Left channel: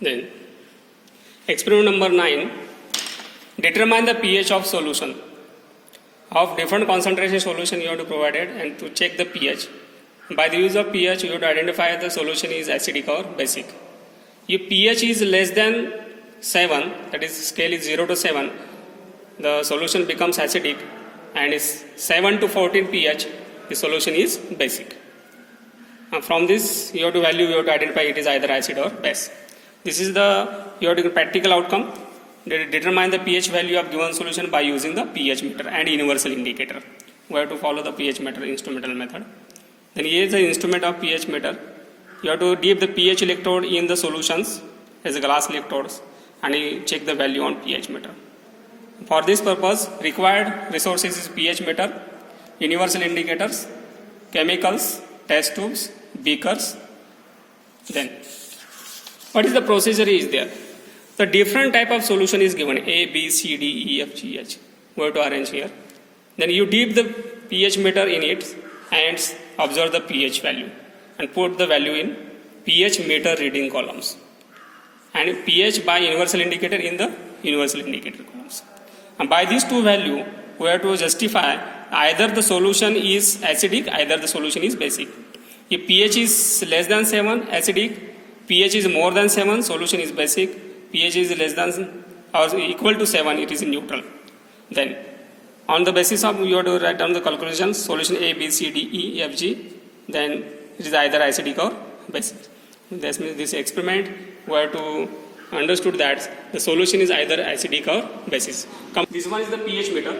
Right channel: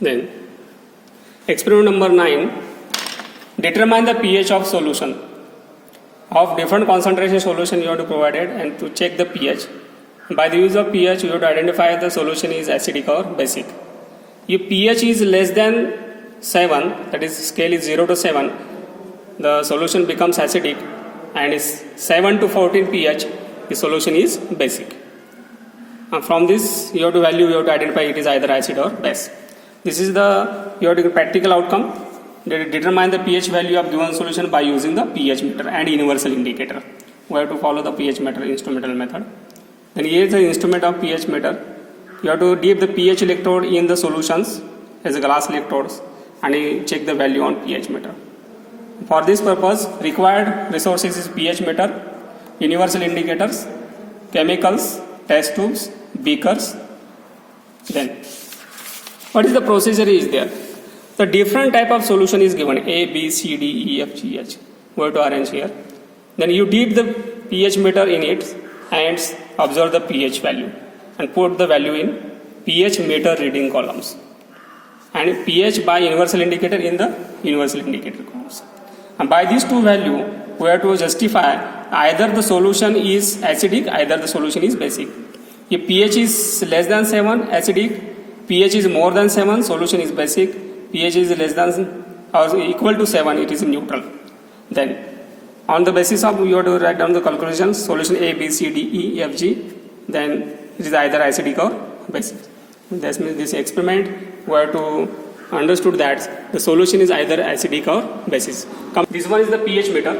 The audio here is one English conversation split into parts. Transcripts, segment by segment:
Then experiment number 9. Determine the pH of solution. Of different concentration solution you have to provide it, and to check the pH. By the use of pH you have to identify the solution is acidic or basic. If pH is less than 7, that is scale is 0 to 7, the solution becomes acidic, and is 7 to 14 pH, the solution is basic. From this you have to identify it is either acid or base. This is your practical outcome. Determine the pH value of given solution by using the pH meter and universal indicator. We have to follow the pH meter instrumental method. Then here is the instrument of pH meter. You have to dip the pH electrode in the solutions as a glass electrodes, and you check the value on pH meter. For this purpose, required resources is pH meter, universal indicators, chemicals, test tubes, beakers. Then, what is the procedure is there? The different type of solution is given A, B, C, D, E, F, G, H. We have to arrange here. Then you dip the pH meter in it and observe the pH value and put the value in pH meter reading columns, and pH by universal indicator in the universal indicator columns. And by these two value, we have to justify either the solution is acidic, either the solution is basic. If pH is less than 7, acidic, pH is more than 7, solution is basic, pH is less than or equal to 7, it is neutral. Then, on the basis of you have to write down the conclusions, solution A, B, C, D, E, F, G, then it is either acidic or basic. That means this experiment, we have to understood that the solution is either acidic or basic. This one is the pH meter.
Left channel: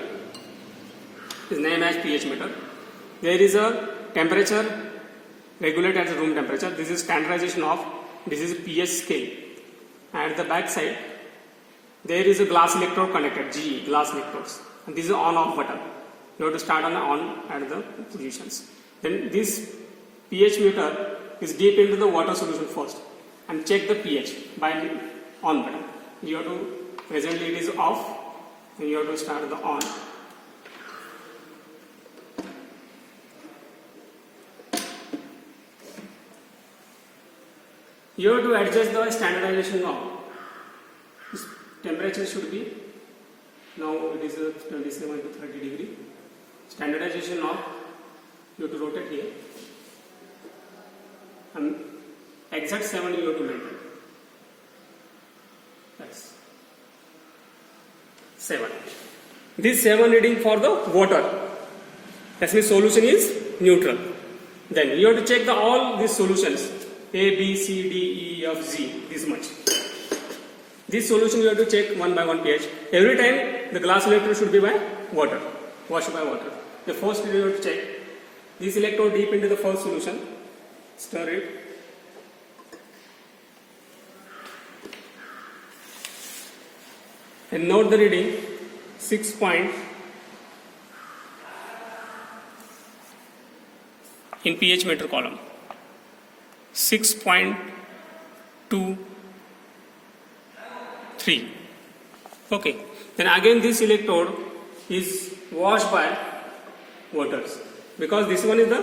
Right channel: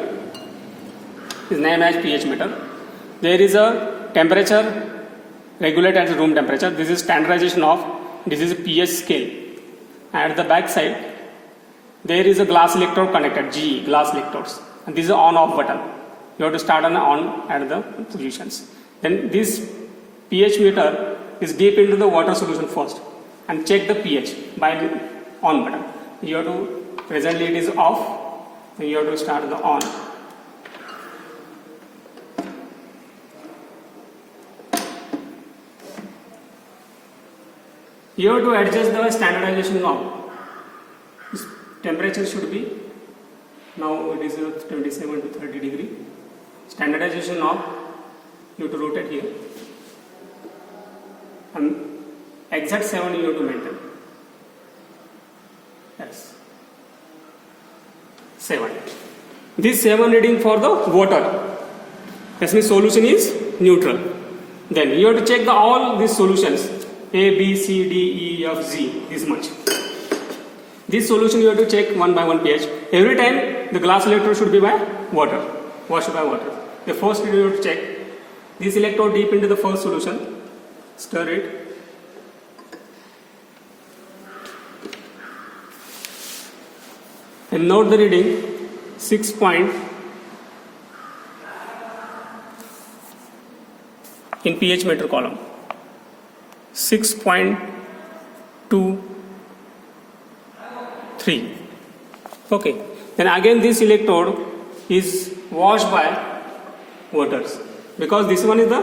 Is named as pH meter. There is a temperature regulated as room temperature. This is standardization of this is a pH scale. At the back side, there is a glass electrode connected, GE, glass electrodes. And this is on off button. You have to start on at the positions. Then this pH meter is deep into the water solution first and check the pH by on button. You have to, presently it is off, then you have to start the on. You have to adjust the standardization knob. This temperature should be, now it is 27 to 30 degree. Standardization knob, you have to rotate here. And exact 7 you have to maintain. Yes. 7. This 7 reading for the water. That means solution is neutral. Then you have to check all these solutions. A, B, C, D, E, F, G, this much. This solution you have to check one by one pH. Every time the glass electrode should be by water, washed by water. The first you have to check this electrode deep into the first solution, stir it. And note the reading 6 point in pH meter column. 6.23. Okay. Then again this electrode is washed by waters, because this one is the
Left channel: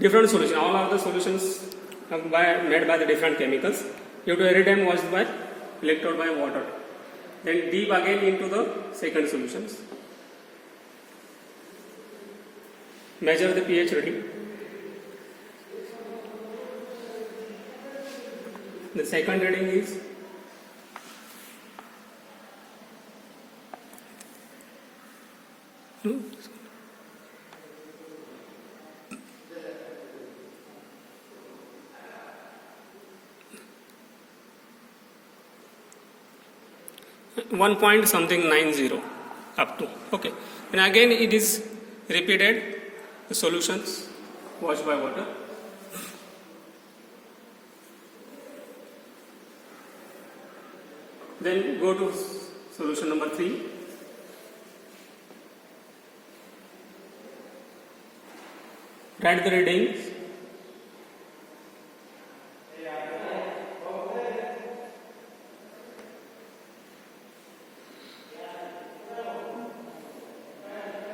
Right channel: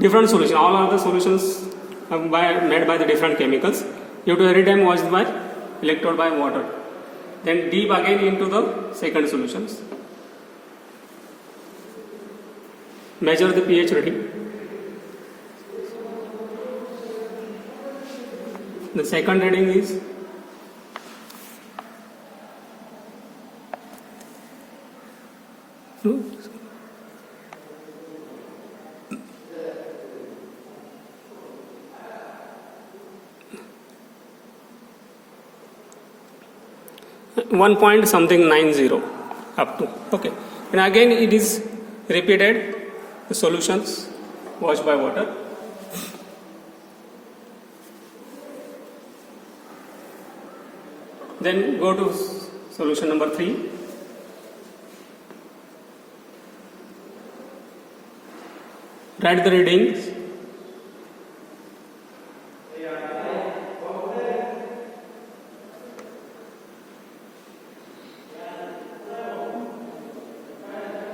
different solution. All other solutions made by the different chemicals. You have to every time wash by electrode by water. Then deep again into the second solutions. Measure the pH reading. The second reading is 1 point something 90 up to. Okay. And again it is repeated, the solutions washed by water. Then go to solution number 3. Write the readings.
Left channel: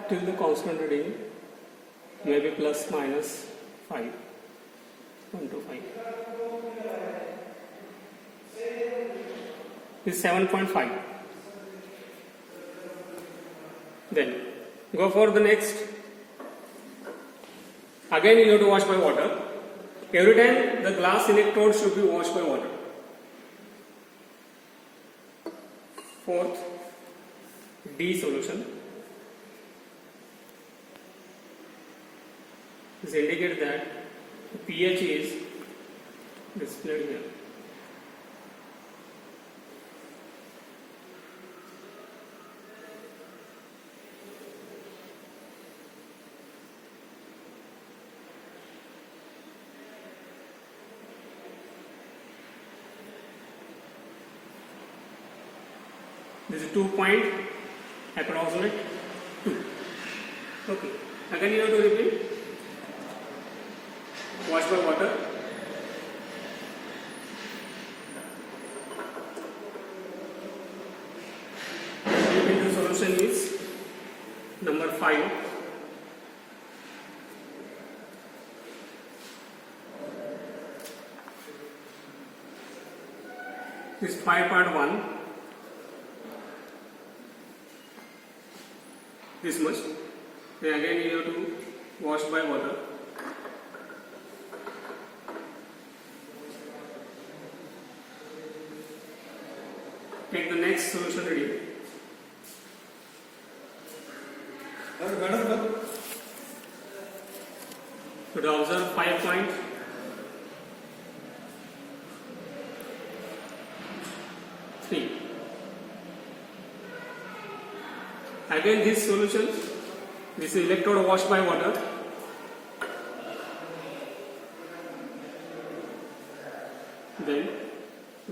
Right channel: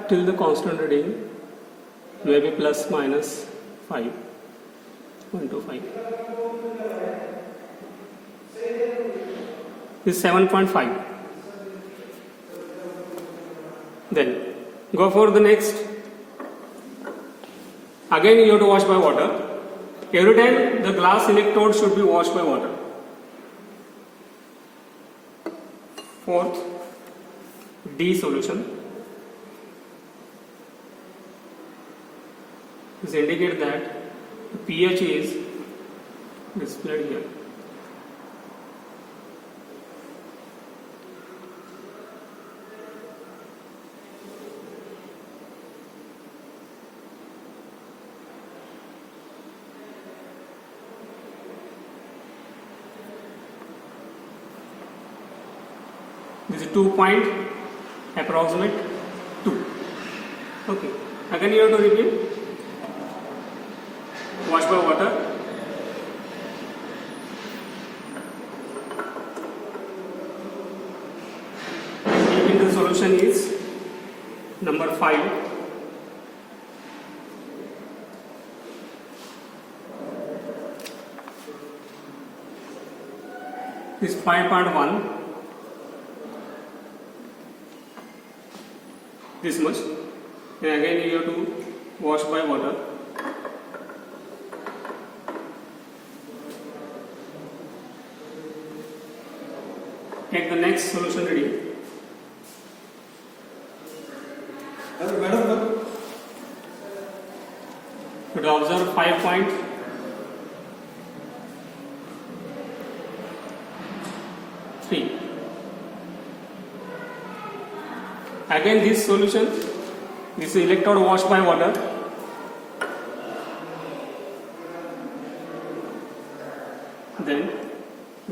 Till the constant reading, maybe plus minus 5, 1 to 5. is 7.5. Then go for the next. Again you have to wash by water. Every time the glass electrode should be washed by water. Fourth, D solution. This indicates that the pH is displayed here. This is 2 point approximate 2. Okay. Again you have to repeat. Wash by water. Maybe the solution is number 5. This 5.1. This much. Then again you have to wash by water. Take the next solution reading. You will observe 5.3. Again this solution, this electrode washed by water. Then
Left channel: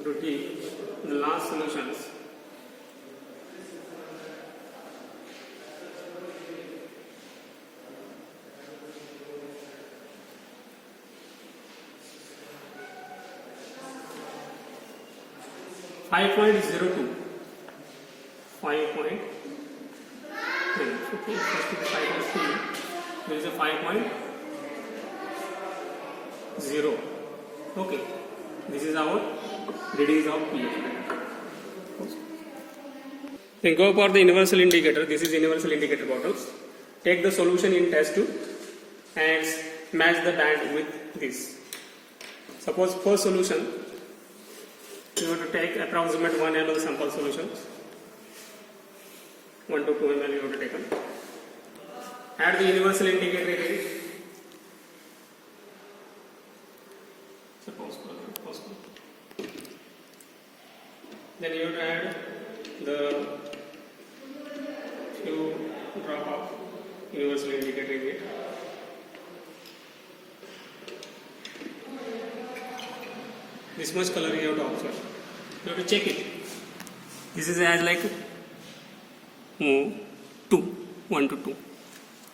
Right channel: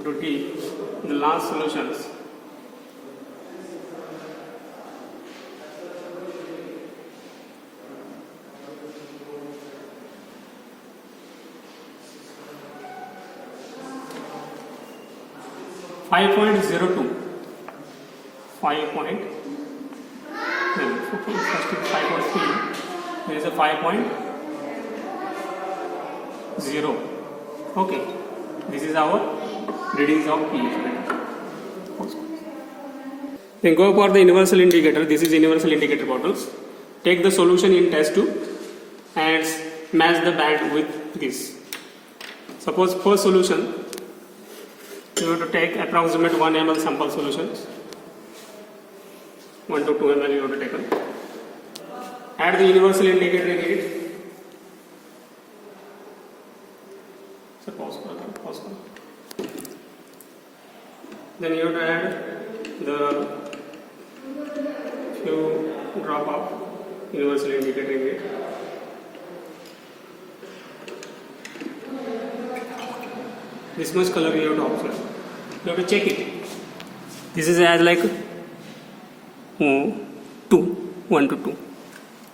to D, the last solutions. Five point 0.02. 5.3. There is a 5.0. Okay, this is our readings of pH. Then go for the universal indicator. This is universal indicator bottles. Take the solution in test tube and match the band with this. Suppose first solution, you have to take approximate 1 ml sample solutions. 1 to 2 ml you have to take. Add the universal indicator again. Pause. Then you have to add the few drop of universal indicator again. This much color you have to observe. You have to check it. This is as like 1 to 2.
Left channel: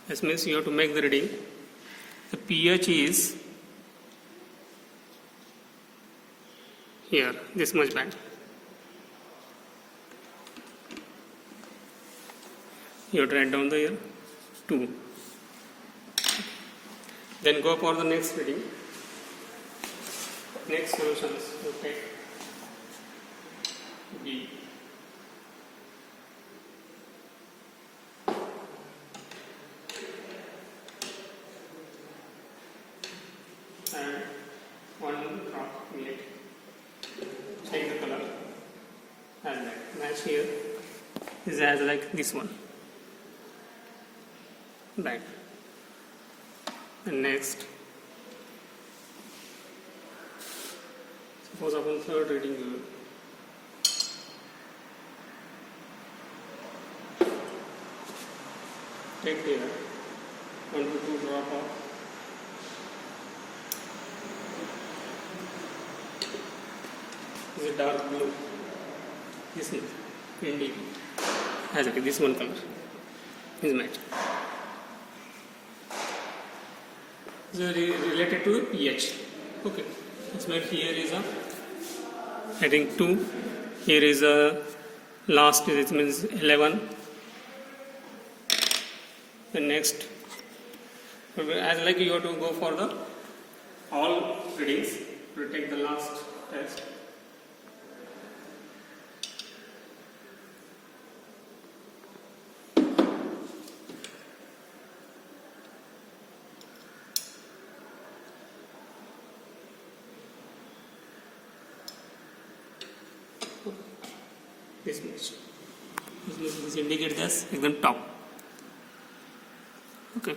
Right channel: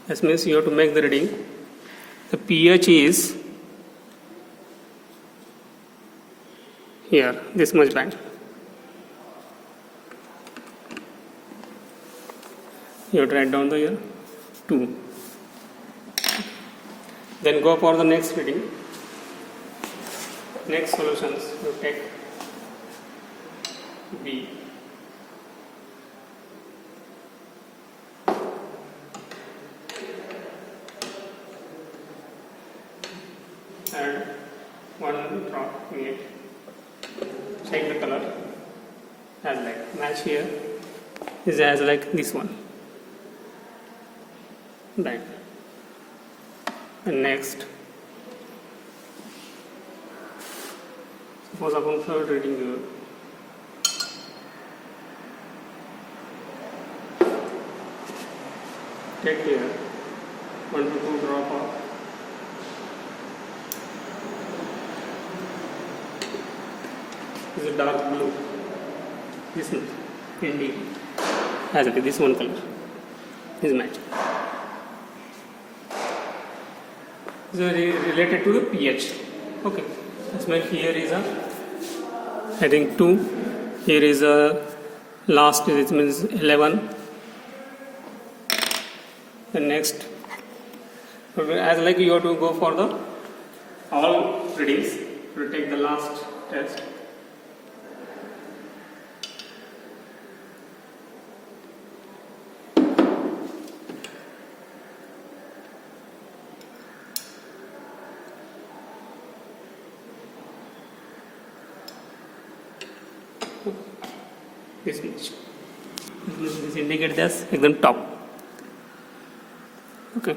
This means you have to make the reading. The pH is here, this much band. You have to write down the here 2. Then go for the next reading. Next solutions, you take B. Add 1 drop in it. Change the color as like match here is as like this one. Then and next, suppose upon third reading you take here 1 to 2 drop of this is dark blue. This one, ND, as okay, this one color is match. This is related to the pH. Okay, this means here is a, I think 2. Here is a last. It means 11. The next, as like you have to go for the all readings. You take the last test. this much. This indicates as एकदम top. Okay.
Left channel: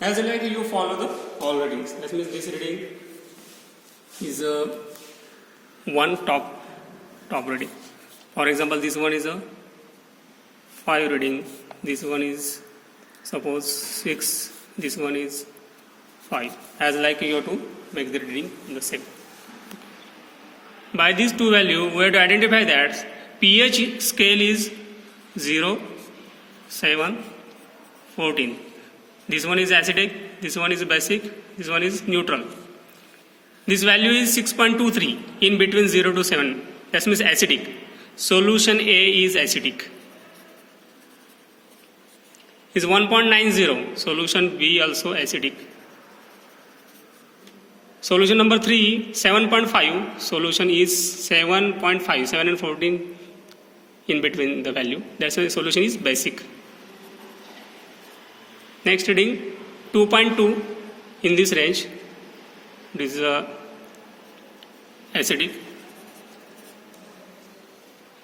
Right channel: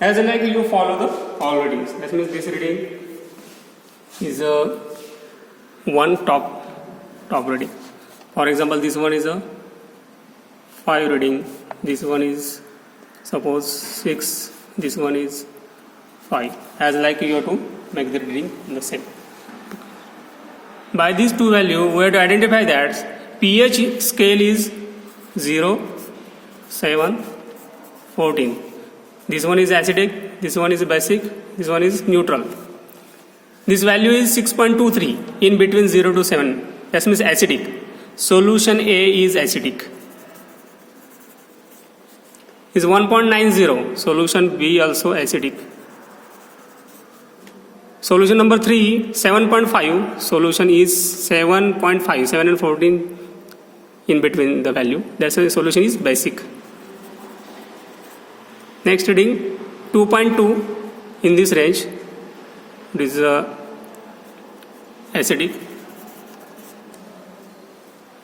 As like you follow the all readings. That means this reading is a one top reading. For example, this one is a 5 reading. This one is suppose 6. This one is 5. As like you have to make the reading the same. By these two values, we have to identify that pH scale is 0, 7, 14. This one is acidic, this one is basic, this one is neutral. This value is 6.23 in between 0 to 7. That means acidic. Solution A is acidic. Is 1.90. Solution B also acidic. Solution number 3, 7.5. Solution is 7.5. 7 and 14 in between the value. That's why the solution is basic. Next reading 2.2 in this range. This is acidic.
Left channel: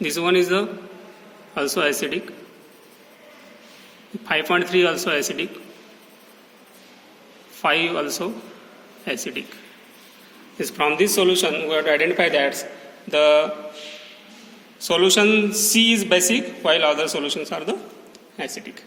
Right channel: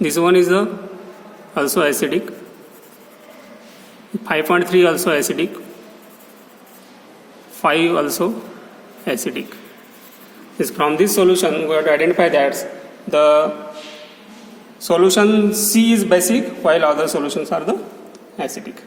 This one is also acidic. 5.3 also acidic. 5 also acidic. From this solution, we have to identify that the solution C is basic while other solutions are the acidic.